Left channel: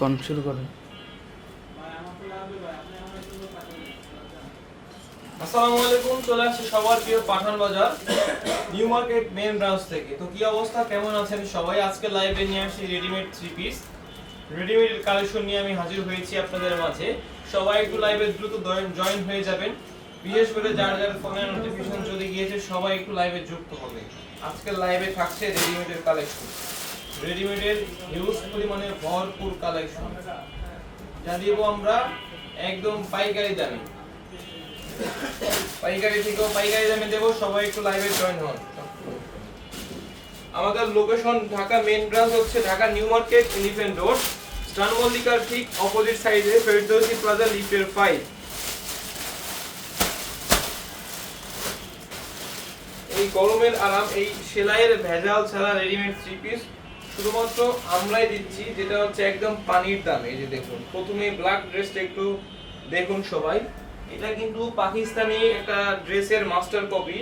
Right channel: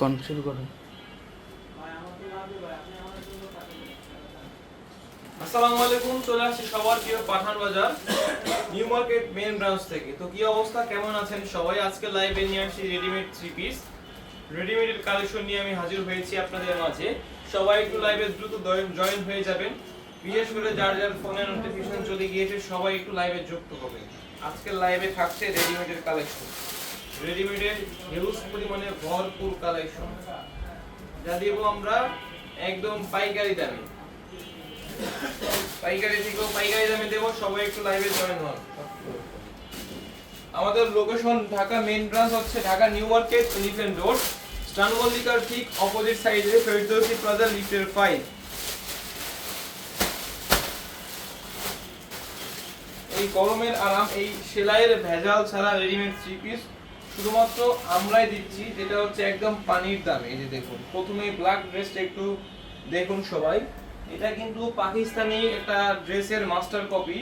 কোন, শুরু করো। আসসালামু আলাইকুম, চলে সবার প্রিয় পাঠান বাজার নিউ মার্কেট মেন ব্রাঞ্চ থেকে। তো কি অবস্থা? কেমন আছেন সবাই? আজকে লাইভে নিয়ে আসছি রেডিমেড থ্রি পিস রেডিমেডের কালেকশন নিয়ে আমি হাজির হয়েছি আপনাদের মাঝে। সবাই একটু লাইভে দ্রুত জয়েন হয়ে যাবেন। বিশেষ করে যার যার ফোনে নোটিফিকেশন চলে গিয়েছে, সবাই একটু লাইভে যুক্ত হবে। আজকের লাইভে থাকছে রেডিমেডের কালেকশন রেডিমেডের হিউজ পরিমাণে ভরপুর কালেকশন যা দিব আমরা একদম পাইকারি দামে। পাইকারি পাইকারি দামে দেবো, সবাই একটু লাইভে জয়েন হন। আমাদের লোকেশন ঢাকা মেইন ব্রাঞ্চ হচ্ছে ঢাকা নিউ মার্কেট রোড ঠিক অপোজিট সাইডে ফেরদৌসি প্লাজা লিফটের ফাইভ এই গরমের আরাম, এই সেলাইয়ের ভেজাল ছাড়া রেডিমেড থ্রি পিস শুধুমাত্র আমরাই দিচ্ছি, যেটা হচ্ছে একদম পানির দাম, এই যে দেখুন। প্রথমে ব্ল্যাক ড্রেসটা একটু দেখুন সবাই। এটা কিন্তু পাকিস্তানি একটা ড্রেসের মাস্টার কপি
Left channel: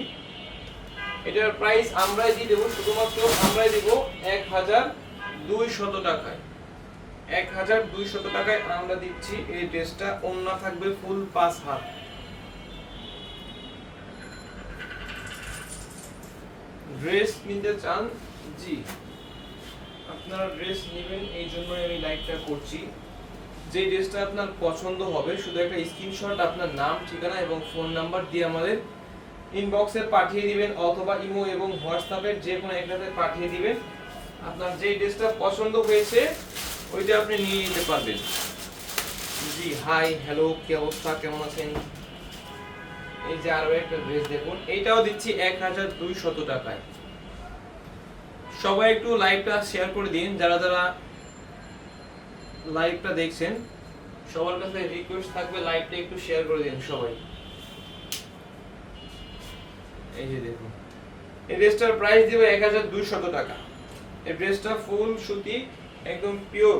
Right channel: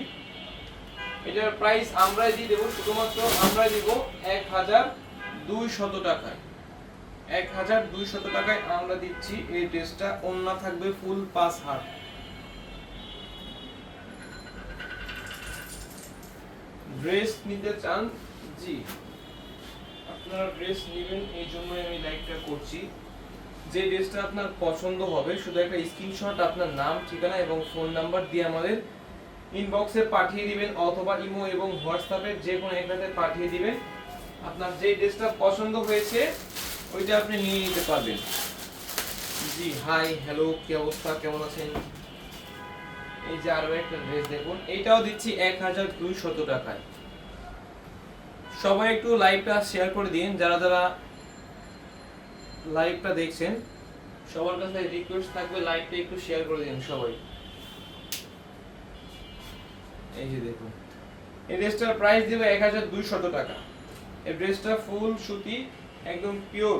এটার প্রাইস আমরাই দিয়ে দেবো, শুধুমাত্র আমরাই দিব এক হাজার দুই শত টাকায়। এক হাজার দুই শত টাকায় আমরা দিচ্ছি এই ড্রেসটা অন্য থাকবে ফুল পাঁচ হাত। ড্রেস নিতে চান, জি। আপনারা ড্রেস নেবেন, এই জন্যই আমি লাইভটা করছি। যে ড্রেসটা আপনার পছন্দ হবে, শুধু একটা স্ক্রিনশট আপনার নাম, ঠিকানা এবং ফোন নাম্বার দিয়ে আমাদের ইনবক্সে পাঠিয়ে দিবেন, অথবা ইমো এবং হোয়াটসঅ্যাপের যে কোনো একটাতে পাঠিয়ে দিবেন। আপনার যে ড্রেসটা পছন্দ হয়েছে, ওইটা আপনি নিয়ে নিতে পারবেন। জি হাই হ্যালো কি অবস্থা, কেমন আছেন? এই যে আরও একটা ড্রেস দেখুন, এইটাও দিচ্ছি এক হাজার দুইশত টাকায়। সবাই একটু লাইভটা শেয়ার করে দিন, যারা যারা লাইভটা দেখছেন। সবার কাছে রিকোয়েস্ট থাকবে লাইভটা একটু শেয়ার করে দিন সবাই। এই যে দেখুন। এই ড্রেসটার প্রাইস দেবো এক হাজার দুইশত টাকা। এই ড্রেসটা ফুল সুতি, একদম পিওর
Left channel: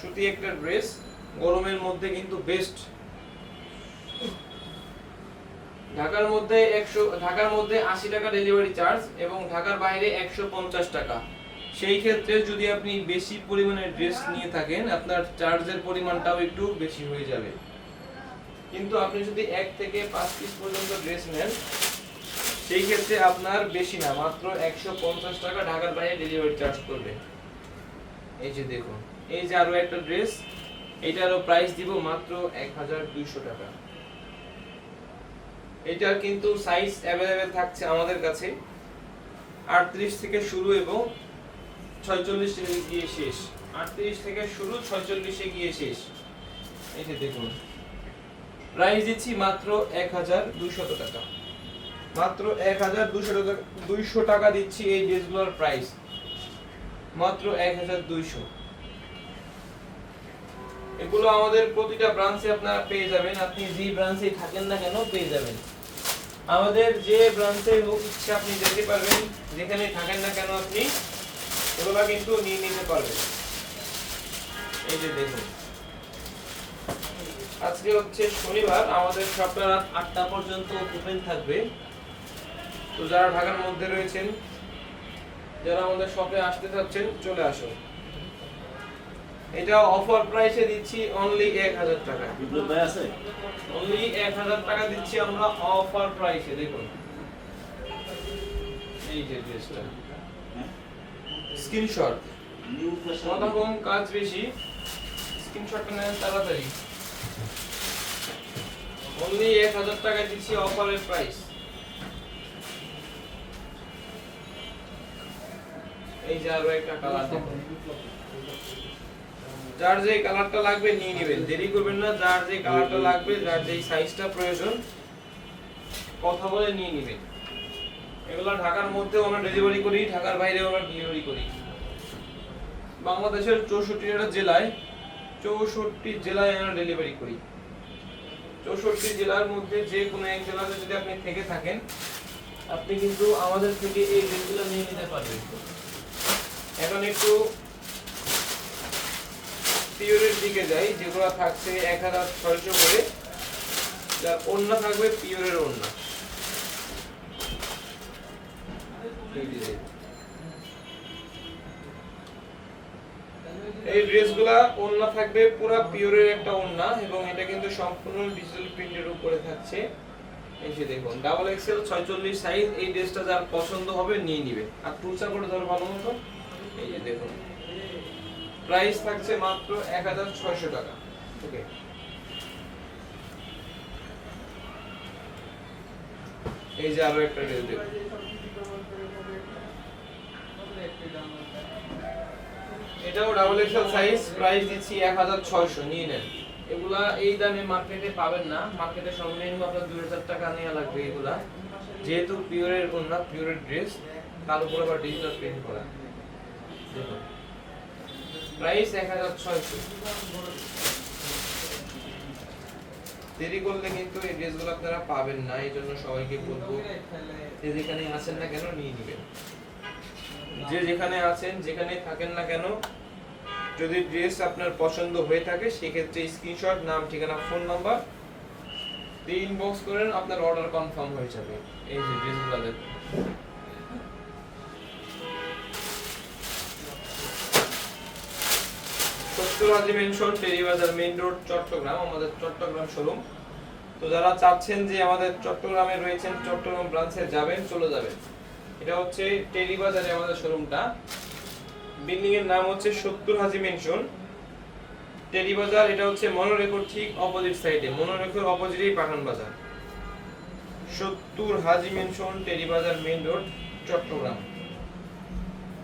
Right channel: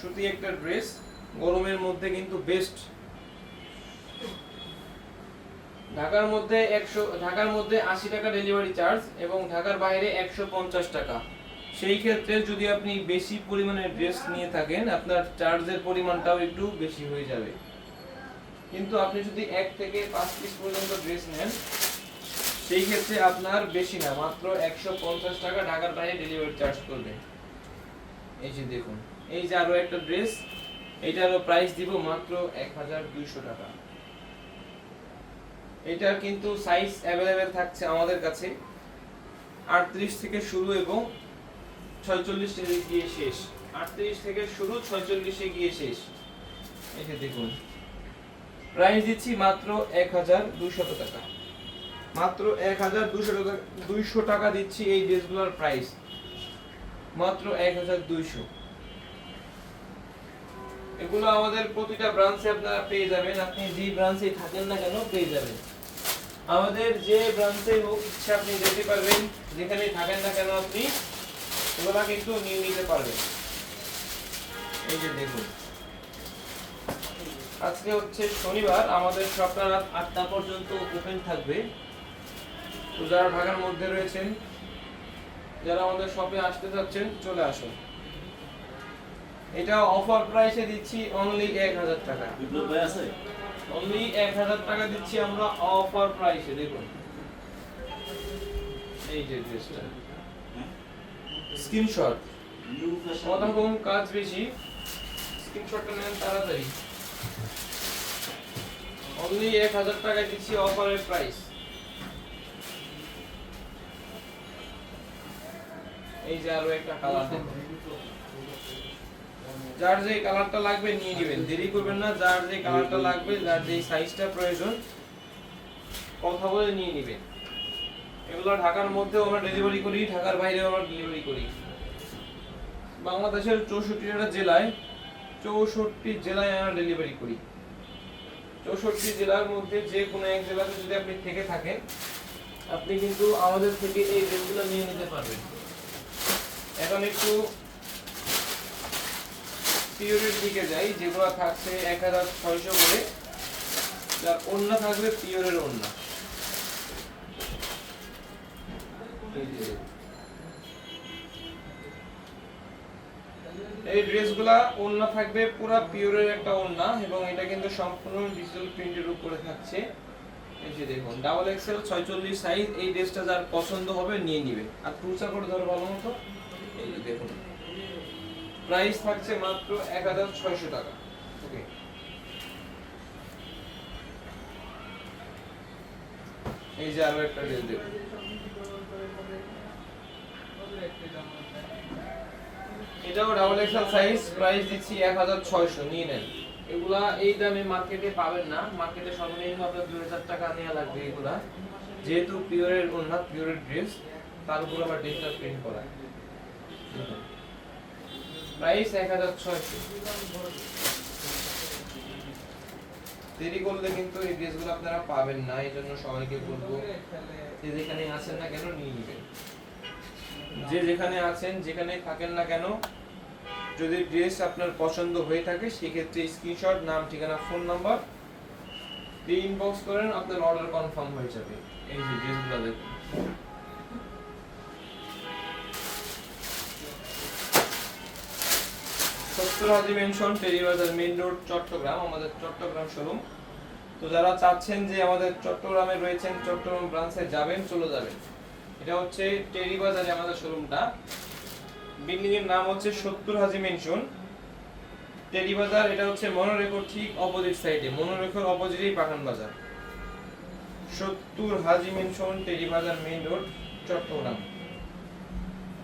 সুতি একটা ড্রেস গরমের মধ্যে কিন্তু বেস্ট ঢাকার মধ্যে একশো, ঢাকার মধ্যে আশি টাকা ডেলিভারি চার্জ এবং ঢাকার বাইরে একশো পঞ্চাশ টাকা। সেই ক্ষেত্রে যদি আপনি বেশি পরিমাণে ড্রেস নিয়ে থাকেন, আপনার চার্জের পরিমাণটাও একটু বেশি হয়ে যাবে। কিন্তু আপনি যদি এক থেকে পাঁচ পিস পর্যন্ত ড্রেস নেন, সেই ক্ষেত্রে আপনার বেশি না, মাত্র একশো পঞ্চাশ টাকা ঢাকার বাইরে ডেলিভারি চার্জ করবে এই যে দেখুন, এই যে আরও একটা ড্রেস এটারও প্রাইস দিব মাত্র এক হাজার দুইশো টাকা। এটার কিন্তু সাইজ অ্যাভেলেবেল থাকছে আমাদের কাছে। আটত্রিশ থেকে শুরু এবং ছয়চল্লিশ গিয়ে শেষ। আটত্রিশ থেকে শুরু, ছয়চল্লিশে গিয়ে শেষ। যে দেখুন। প্রাইস দিচ্ছি মাত্র এক হাজার দুইশত টাকা। মাত্র এক হাজার দুইশো টাকা দুইশো টাকা দিচ্ছি এই ড্রেসগুলোর প্রাইস মাত্র এক হাজার দুইশো এগুলো আমাদের প্রতিটা ব্রাঞ্চে আপনারা পেয়ে যাবেন। আপনি যে ব্রাঞ্চে থাকেন না কেন, পেয়ে যাবেন। আমাদের যে ব্রাঞ্চে হোক ইচ্ছা আপনি যেতে পারবেন, যেখানে থাকেন না কেন আপনি ওগুলো কিন্তু নিয়ে নিতে পারবেন। এই যে দেখুন। আজকে হচ্ছে শনিবার, আমাদের সপ্তাহ রাত আটটা পর্যন্ত ওপেন থাকবে। তো যারা ঢাকার মধ্যে রয়েছেন, যারা আমাদের শপে আসতে চাচ্ছেন, চলে আসুন। এটা অফার প্রাইসে দিচ্ছি অনলি এক হাজার টাকা। বিপ্লব আছে? অনলি এক হাজার টাকা দিচ্ছি আমরা অফার প্রাইসে দেখুন। এই যে ড্রেসটা হ্যাঁ? স্ক্রিনশট নিউ ফ্যাশন কতক্ষণ কাজ বেশি। স্ক্রিনশটটা নেন তাড়াতাড়ি। অনলি এক হাজার টাকা দিচ্ছি অফারের প্রাইস এই যে আরও একটা কালার দেখুন। যার যে কালারটা লাগবে নিয়ে নেবেন। দেরি করবেন না, যার যে কালারটা লাগবে, যার যে সাইজটা প্রয়োজন, কথা বলে নিয়ে নেবেন। এগুলো ঢাকার মধ্যে আমরা ডেলিভারি করি, ঢাকার বাইরে আমরা ডেলিভারি করি। বাংলাদেশের চৌষট্টিটা জেলায়, চৌষট্টি জেলায় আমরা ডেলিভারি করি। চৌষট্টি জেলার মধ্যে যে কোনো এক জেলাতে যদি আপনি থেকে থাকেন, আপনি কিন্তু আমাদের থেকে এই ড্রেসগুলো নিয়ে নিতে পারবেন। এখন একটু পিওরের দিকে যাই, যেগুলো থাকছে এক হাজার ছয়শো করে, যার অন্য থাকবে পিওরের অন্য। এই ড্রেসগুলা ওড়না থাকবে, পুরো পিওরের একটা ওড়না এবং এটা কিন্তু সম্পূর্ণ ডিজিটাল প্রিন্টের উপরে থাকছে। এই যে দেখুন ডাবল এক্সেল ছয়চল্লিশ সাইজ এই ড্রেসটা যার পছন্দ হবে নিয়ে নিবে। আর টুসা করে ধরো ভালো মতো? এই যে দেখুন। প্রাইস থাকছে মাত্র এক হাজার ছয়শো টাকা। ওকে। এই যে আরও একটা ড্রেস দেখুন এটাও ডাবল এক্সেল সাইজ প্রাইস দিচ্ছি এক হাজার ছয়শো, নিয়ে নেন। এগুলা এই দামে মার্কেটে পাবেন না। মার্কেটে সর্বনিম্ন আপনার দুই হাজার টাকা নেওয়া লাগবে এগুলা। যেহেতু পিওরের ওনা পিওরের ড্রেস তার উপর আবার ডিজিটাল প্রিন্ট করা। প্রাইস এক হাজার ছয়শো। দেরি করলে কিন্তু এই ড্রেসগুলো আপনারা পাবেন না, এই জন্য সবাইকে বলব, যে যেখানে আছেন না কেন নিয়ে নেবেন। যে যেখানে আছেন, যেখানে থাকেন না কেন, যদি ড্রেস আপনার পছন্দ হয়ে থাকে, সেক্ষেত্রে স্ক্রিনশট নাম, ঠিকানা ফোন নাম্বার দিয়ে ইনবক্স করেন, আপনার অর্ডার কনফার্ম হয়ে যাবে। এই যে ড্রেসগুলো দেখুন। সত্তর Haji Mansion Terribazar Main Road Chattogram আমাদের চট্টগ্রাম শোরুম তো যারা চাচ্ছেন যে আমাদের চট্টগ্রামে রয়েছেন চট্টগ্রাম ব্রাঞ্চে যাবেন, চলে যাবেন। এটা হচ্ছে টেরিবাজারে আমাদের শোরুমটা বিল্ডিং এর নাম হচ্ছে সত্তর হাজি মেনশন টেরিবাজার এটা হচ্ছে মনোরেকোর ঠিক অপোজিট সাইডে মনোরেকোর অপোজিটেই পাঠান বাজার। সত্তর Haji mention Terribazar main road Chattogram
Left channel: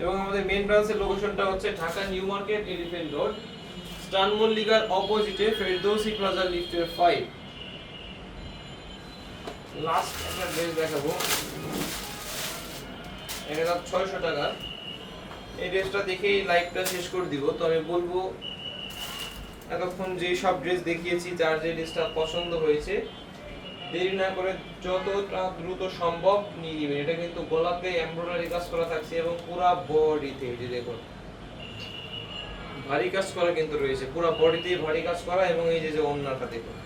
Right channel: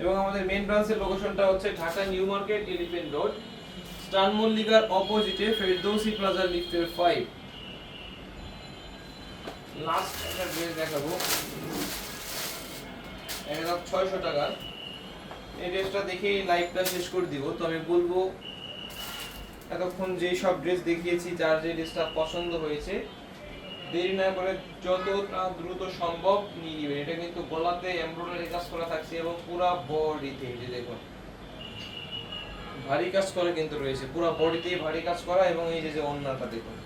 এবং আমাদের মেইন ব্রাঞ্চের লোকেশনটা হচ্ছে Dhaka new market elephant road স্টান মল্লিকার অপোজিটে ফেরদৌসি প্লাজা লিফটের ফাইভ লাস্ট একটা ড্রেস দেখাবো। এটা দাম ছয়শো টাকা। এই ড্রেসটা দেখেই লাইভটা শেষ করে দিব। তো আমি বলব, এতক্ষণ যে সব ড্রেস দেখিয়েছি, যার যে ড্রেসটা পছন্দ হয়েছে, দেরি না করে যতটা দ্রুত সম্ভব নিয়ে নেবেন। এটা কিন্তু গলাতে এমব্রয়ডারি কাজ করা থাকছে এবং পুরা বডিতে যে দেখুন। ভারী কাজ করা কিন্তু রয়েছে। পুরো বডিতে ভারী কাজ করা এবং এই যে যে অন্যটা দেখুন।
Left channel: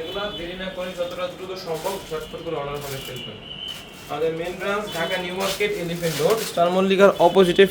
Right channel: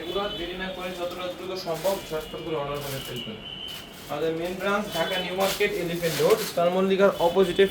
এগুলো দেরি না করে যতটা দ্রুত সম্ভব ঝটপট করে অর্ডার করে ফেলবেন আমাদের main branch Dhaka New Market Elephant Road চারমল্লিকার মল্লিকার অপোজিটে